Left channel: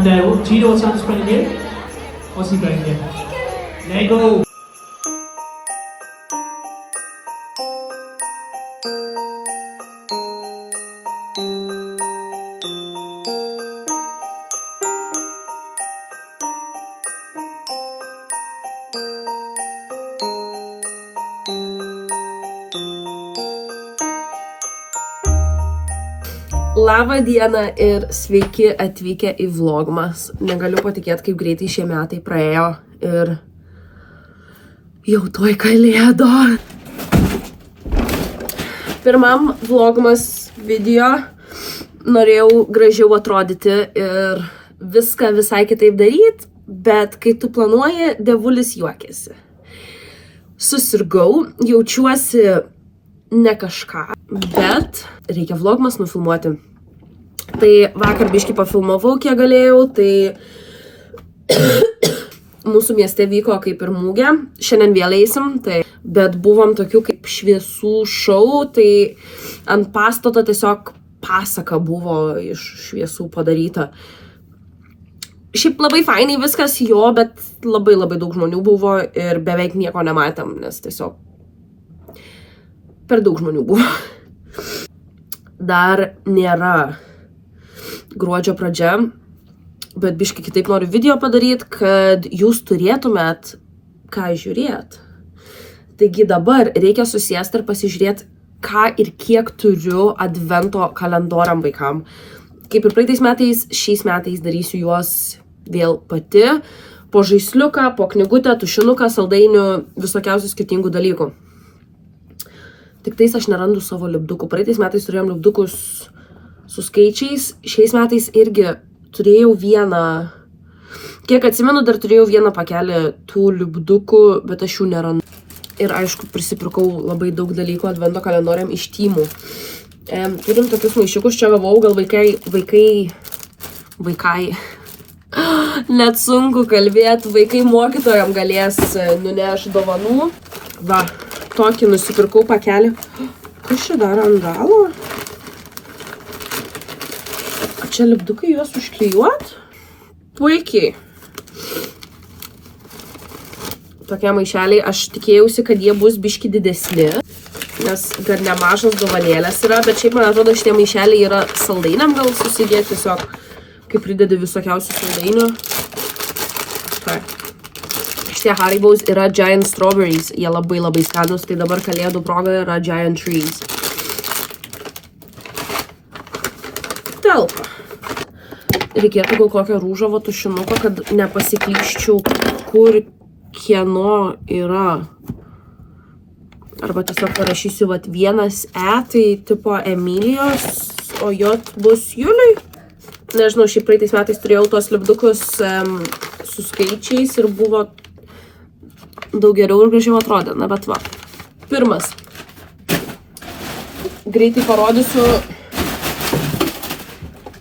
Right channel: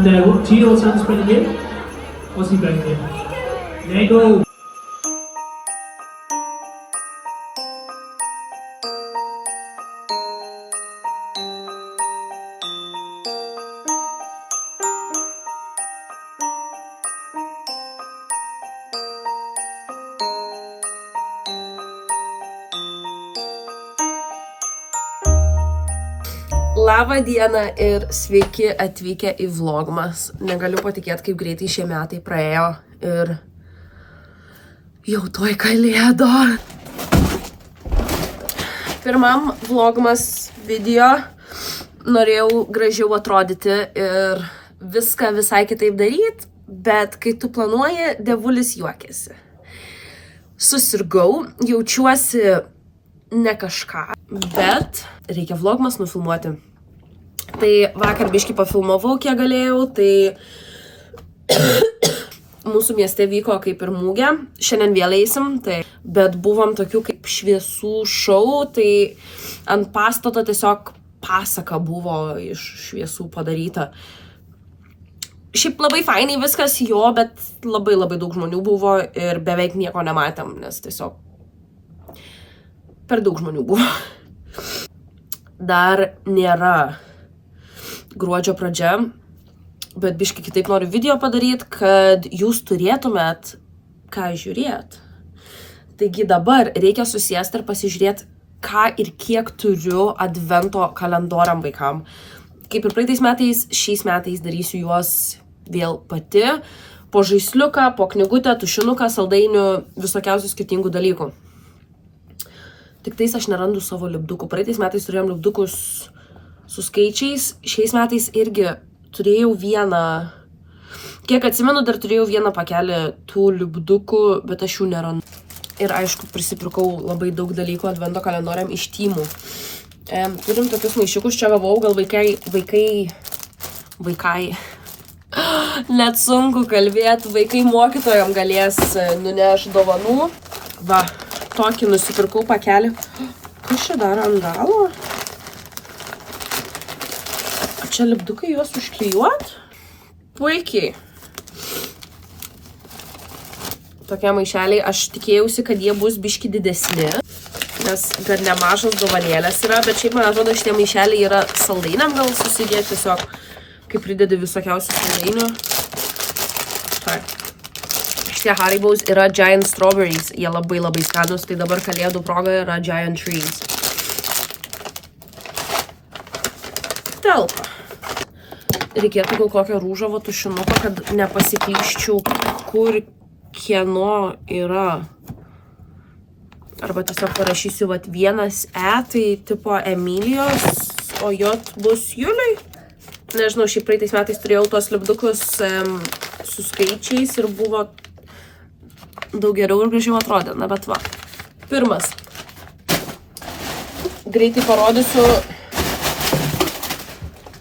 And do you know what Santa's playing here? What's he playing here? Lego! Labą dieną ir sveiki atvykę į vlogmas. Negaliu patikėti, kaip greitai šie metai praėjo ir jau tuoj kalėdo. Pirmam vlogmas video norėjau gražiau atrodyti ir viską visai kitaip daryti, bet kai tu planuoji, dievulis juokiasi. Susirgau, jaučiuosi ne kažką, bet reikia vlogmas nufilmuoti. Tai vakar biškį pafilmavau, kiek galėjau, tai mūsų mieste vyko kaip ir mūgė, šiandien vėl eisim, tai, bet buvom tokių kaip šviesų šou, tai ant pastato tiesiog pasaka buvo iš šviesų padaryta. Šiaip labai fainai viskas jo, bet labai daug žmonių buvo ir beveik nieko nematėm, nes tiesiog per daug žmonių buvo. Dar nėra gruodžio pradžia, bet biškai kitaip noriu video padaryti, kad jūs turėtumėt ką žiūrėt. Taigi dabar reikia susėsti ir pasižiūrėti, ką ir kiek turiu advento kalendoriam vaikam. Kaip ir praeitais metais, šiais metais darysiu juos vėl pati, po žaisliuką, po knygutę, tušinuką, saldainių, visokiausių skirtingų dalykų. Tik tais aš nerandu savo lipdukų. Praeitais metais turėjom lipdukus su skaičiais. Šiais metais irgi turėjau vieną, kiek atsimenu, dar turėjau vieną pakelį tų lipdukų, bet aš jų nerandu. Ir aišku, prisipirkau labai daug dalykų advento kalendoriam iš Tymų. Turim tokius maišiukus, čia gavau, gal vaikai, net sunku kalbėti, vaikai mokytojam galės nuneš dovanų. Va. Tokį nusipirkau pakelį. Kas čia dar ant galo? Čia lipdukai juos užklijuot? Puikiai. Tokie maišeliai, aš tikėjausi, kad jie bus biški didesni, nes gan nemažas dovanėlės yra, bet šiaip man atrodo, šitie maišeliai yra saldainiam gal susidėti, tiesiog kaip pridedi visokiausių saldainių. Šitie Haribo's yra Giant Strawberries, jie labai skanus, tai dabar kalėdų proga yra Giant Trees. Telpa. Reikėtų gal kokio rūžavo tušinuko, kad nepasiklyščiau, kur kieno yra. Arba tiesiog parašysiu vat vienas E, tai tipo Emilijos, o J bus Juliui. Nežinau, šiaip praeitais metais turėjau tos lipdukus su skaičiais ir buvo daug geriau ir gražiau atrodė, na bet va. Pirmas. Greitai parodysiu,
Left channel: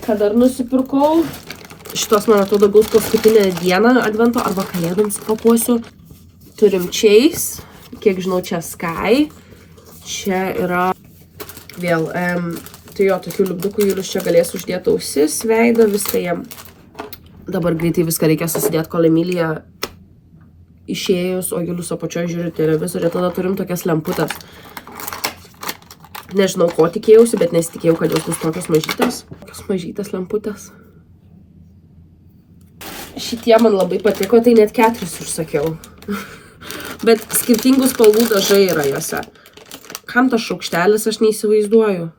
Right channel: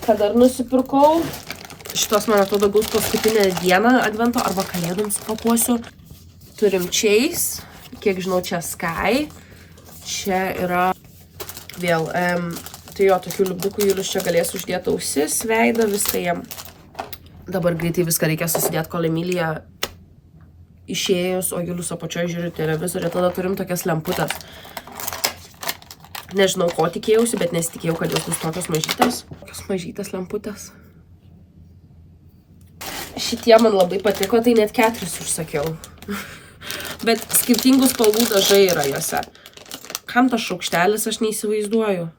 ką dar nusipirkau. Šitos, man atrodo, gaus paskutinę dieną advento arba kalėdoms pakuosiu. Turim Chase, kiek žinau, čia Sky. Čia yra vėl, tai jo, tokių lipdukų Julius čia galės uždėti ausis, veidą, viską jam. Dabar greitai viską reikia susidėti, kol Emilija išėjus, o Julius apačioje žiūri televizorių, tada turim tokias lemputės. Nežinau, ko tikėjausi, bet nesitikėjau, kad jos bus tokios mažytės. Tokios mažytės lemputės. Šitie man labai patiko, tai net 4 užsakiau. Bet skirtingų spalvų dažai yra juose. Kam tas šaukštelis, aš neįsivaizduoju.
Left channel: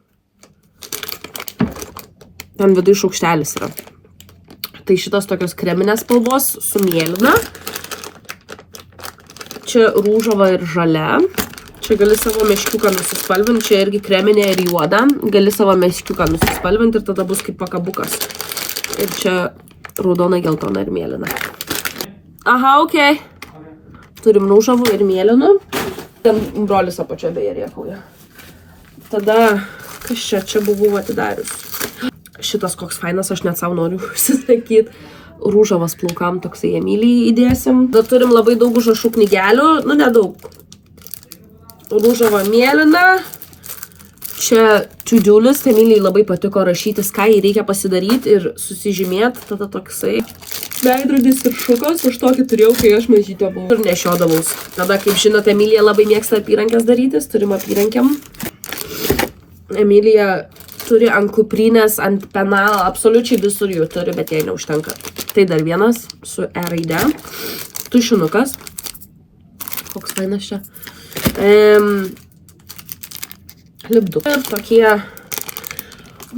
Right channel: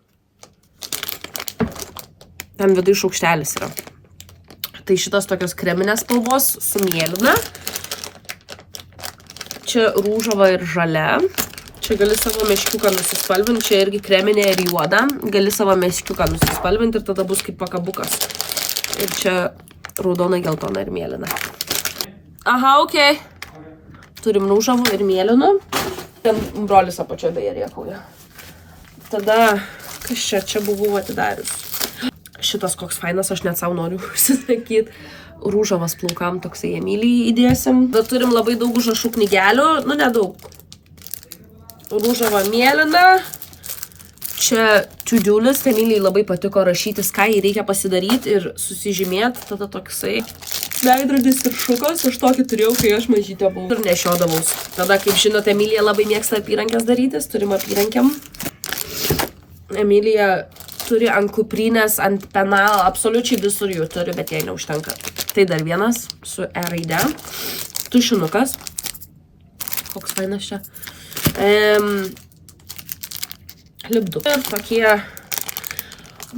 Ten vidui šaukštelis yra. Tai šitos tokios kreminės spalvos su mėlyna. Čia rūžava ir žalia. Čia gali savo meškiuką nusispalvinti. Čia irgi kreminė ir juoda. Gali savo meškiuką nusispalvinti ir tada bus kaip pakabukas. Ir čia raudona, geltona ir mėlyna. Aha, okei. Turim rūžavų ir mėlynų. Ten brolis apačioje beje rėkauja. Tada, kas čia? Čia buvau atidarius. Šitas koks fainas, aš net savo noriu užsisakyti. Rūžavas plaukam toksai Emilijai įdėsim. Dar turim labai daug užrašų knygelių, nu nedaug. Rūžava mėlyna. čia to-do list, Emilijai labai patiko rašytis, ką jai reikia pasidaryti ir susižymėti, tada toksai veidrodis ir šukos, aš tokį turėjau, kai aš mažytė buvau ir nešiodavaus. Tada, kaip žinote, Emilija labai mėgsta apyrankės darytis, turim apyrankiam. Emilija turi ant kuprinės, ant penalo, absoliučiai visur jų turi, bet jai neužtenka. Tai dar vienas su E raide. Tušinukas. Koks fainas čia. Lipduk. Ir tokie,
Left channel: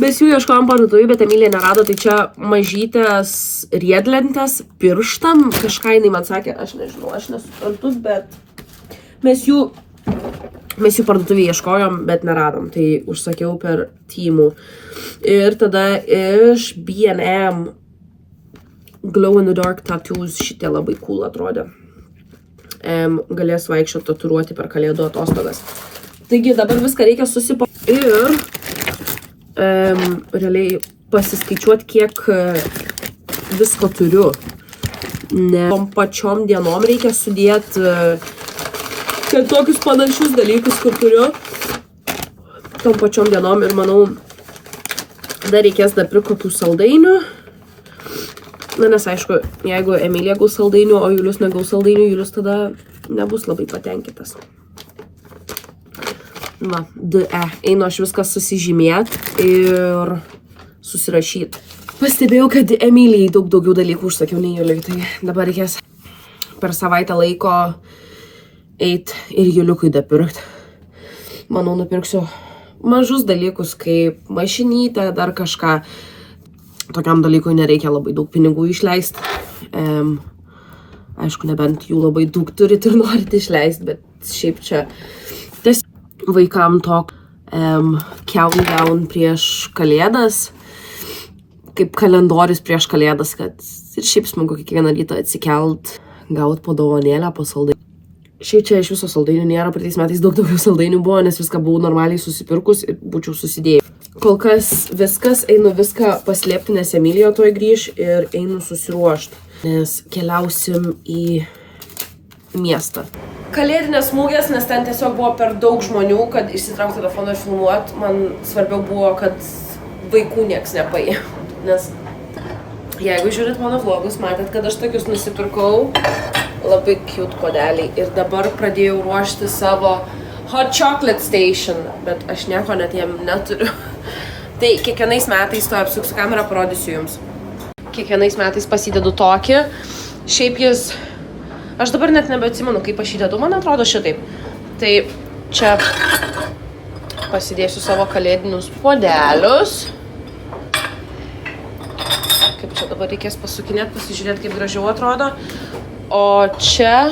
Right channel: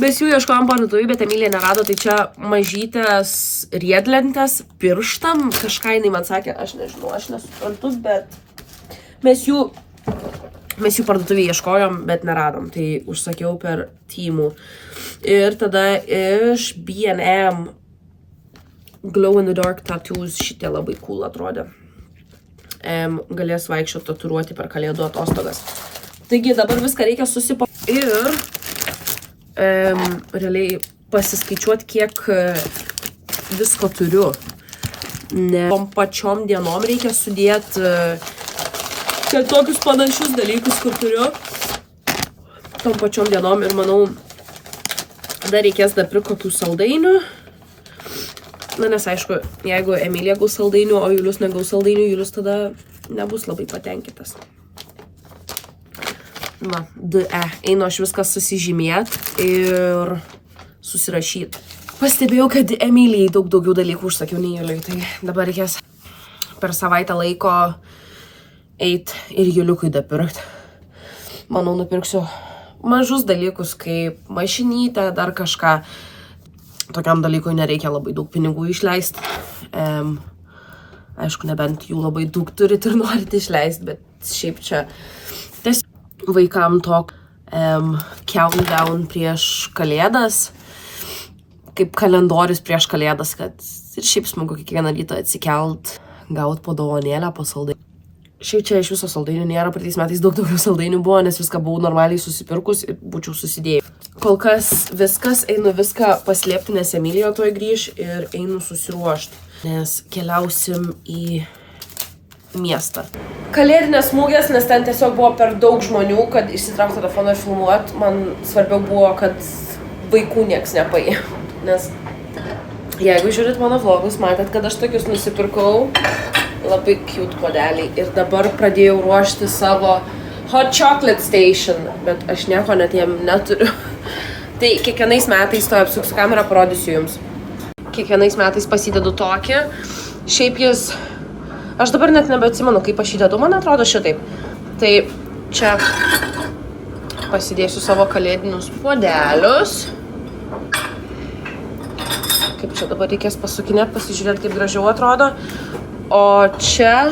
mes jų ieškojom parduotuvėj, bet Emilija nerado, tai čia mažytės riedlentės pirštam, kažką jinai man sakė, aš nežinau, aš nesuprantu, bet mes jų parduotuvėj ieškojom, bet neradom, tai užsakiau per Temu. Ir tada iš B&M Glow in the Dark tattoos šitie labai cool atrodė. Galės vaikščioti tatuiruoti per kalėdų atostogas. Taigi dabar viską reikia susipakoti ir realiai pasiskaičiuoti, kiek visko turiu. Ne tom pačiom dienom reikia sudėti tokius panašius dalykus, kur turiu. Tom pačiom dienom ir manau, dar reikės dar pirkti kokių saldainių. Na, nes aišku, jeigu Emilija gaus saldainių, o Julius negaus saldainių, Julius tada nebus labai patenkintas. Va, einu aš viską susižymėti ir susirašyti. Pastebėjau, kad Emilijai daug daugiau dalykų užsakiau nei Juliui, tai dabar reikės per savaitę laiko eit ir Juliukui dapirkti. Manau, nupirksiu mažus dalykus, kaip mašinytę, dar kažką. Tokiam dalykui nereikia labai daug pinigų išleisti. Aišku, nebent jų labai daug turit ir norit išleisti, bet šiaip čia vaikam tok countdown prieš kalėdas, kaip kalendorius prieš kalėdas, kad ir šiaip smagu kiekvieną rytą atsikelt, gaut po dovanėlę, po saldainių. Šiaip čia iš viso saldainių nėra, praeitais metais daug daugiau saldainių buvo, nes viską buvau normaliai susipirkus ir būčiau susidėjus. Kol kas viskas, einu viską paslėpti, nes Emilija toj grįž ir einu susiruošti, nes keliausim į miestą. Kalėdinės mugės, nes ten tiesiog buvo per daug žmonių, kad išsitraukti telefoną ir filmuoti. Man svarbiau buvo, kad vaikų nieks nepaė. Nes jeigu žiūrit mano vlogus, matėt, kad aš tokius nusipirkau. Labai cute podeliai. Ir dabar pradėjau ruošti savo hot chocolate station, bet aš nieko net jiem neturiu. Tai kiekvienais metais, to apsuksiu kamerą, parodysiu jums. Kiekvienais metais pasidedu tokį. Šiaip jis, aš dabar net nebeatsimenu, kaip aš įdedu, man atrodo šitaip. Tai čia pasidėsiu savo kalėdinius podelius. Kaip čia dabar reikės pasukinėti, pasižiūrėti, kaip gražiau atrodo. O čia,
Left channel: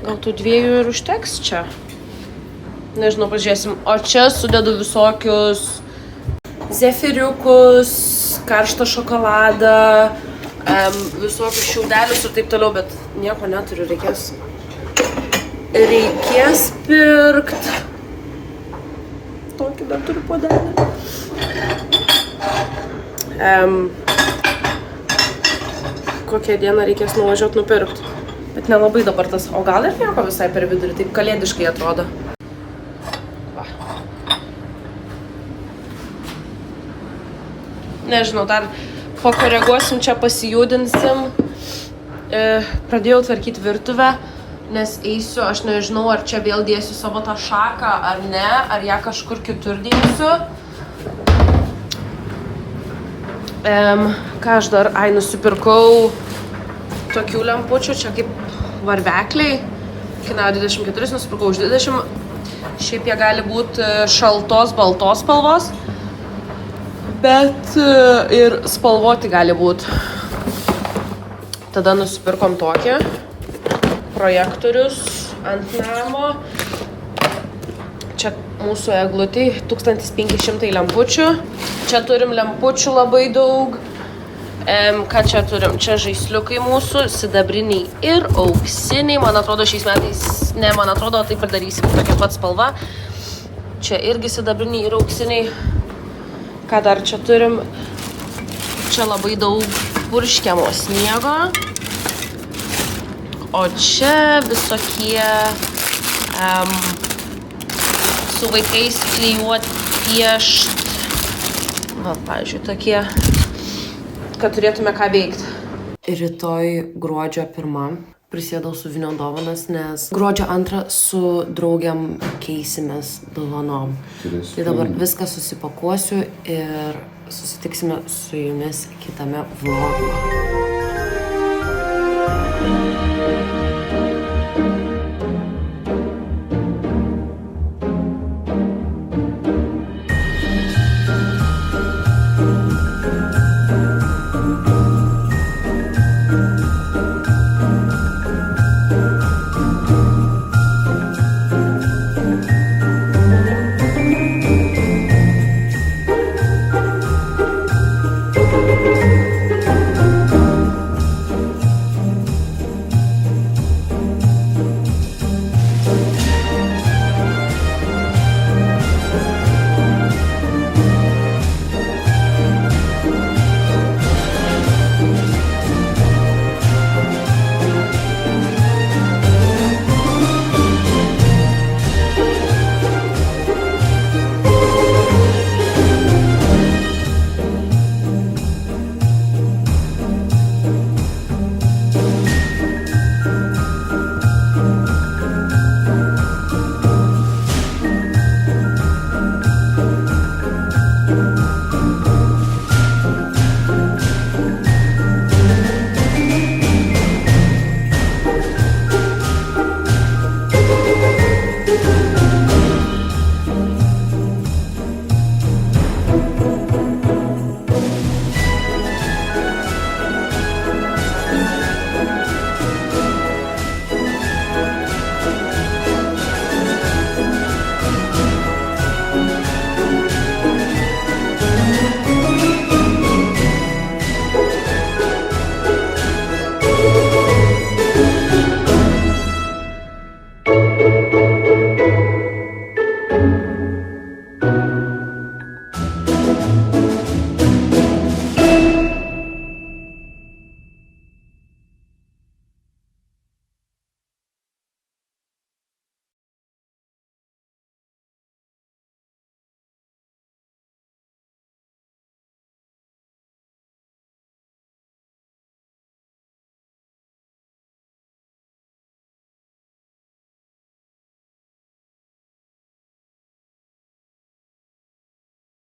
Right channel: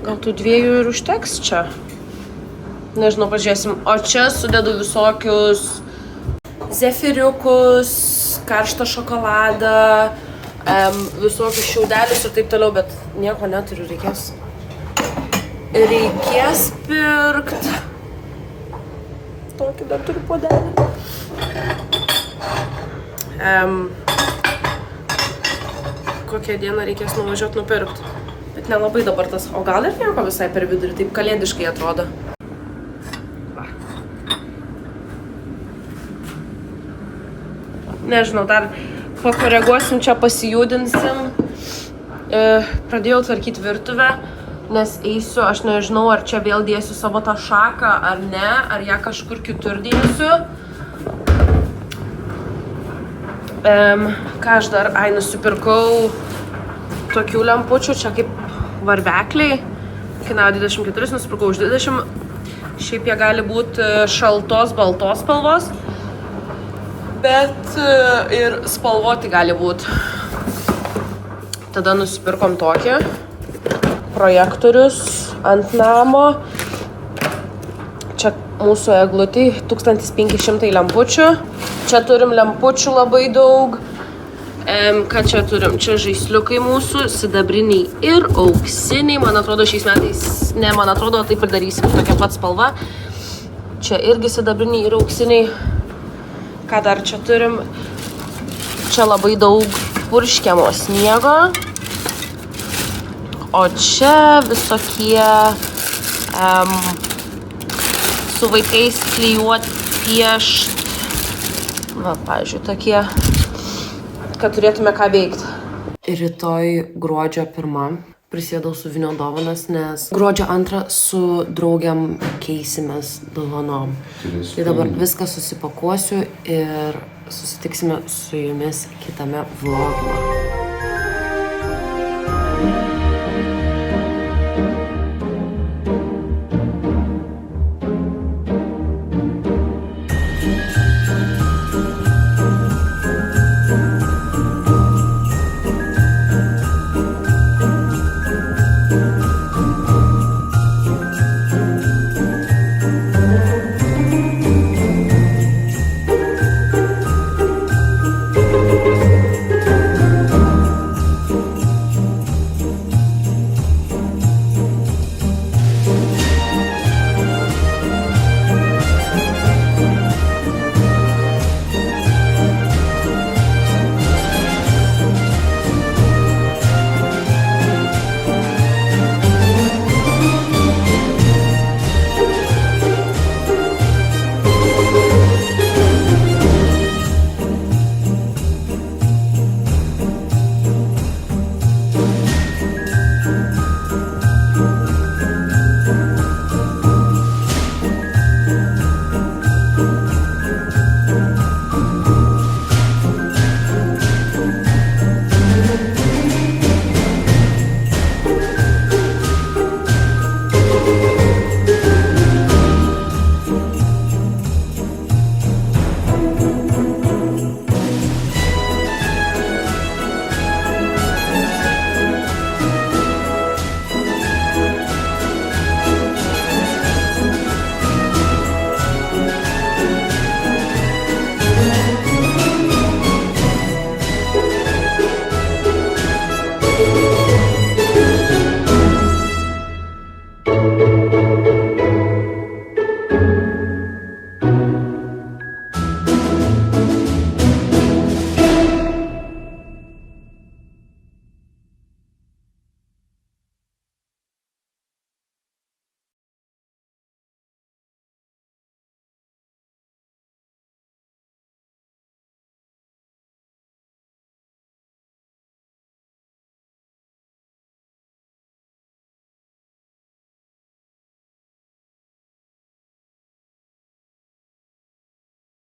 gal tų dviejų ir užteks čia. Nežinau, pažiūrėsim. O čia sudedu visokius zefiriukus, karštą šokoladą, visokius šiaudelius ir taip toliau, bet nieko neturiu, reikės pirkti. Tokį dar turiu podelį. Kokią dieną reikės nuvažiuoti nupirkti. Bet nelabai dabar tas, o gal ir nieko visai per vidurį, taip kalėdiškai atrodo. Nežinau, dar pakoreguosim čia, pasijudinsim. Pradėjau tvarkyti virtuvę, nes eisiu, aš nežinau, ar čia vėl dėsiu savo tą šaką, ar ne, ar ją kažkur kitur dėsiu. Ką aš dar, nusipirkau tokių lempučių, čia kaip varvekliai, kainavo 24, nusipirkau už 20, šiaip jie gali būti šaltos, baltos spalvos, bet ir spalvoti gali būti. Tada nusipirkom tokį, projektorius ant namo, čia mūsų eglutį 1500 lempučių. Čia turim lempučių labai daug. Ką čia turim? Čia žaisliukai mūsų, sidabriniai ir auksiniai. Man atrodo, šiais metais, ne, man atrodo, taip ir darysim tokia pat spalva. Čia irgi sidabriniai ir auksiniai. Ką dar čia turim? Čia labai daug purškiamo sniego. O čia visokie su vaikais klijuoti piešt. Va, pavyzdžiui, tokie, kad turėtume ką veikti. Rytoj gruodžio 1 prisėdau su Vinio dovanas, nes gruodžio 2 su draugiam keisimės dovanom. Tai dabar viską susipakuosiu ir susitiksime su jumis kitame vlogime.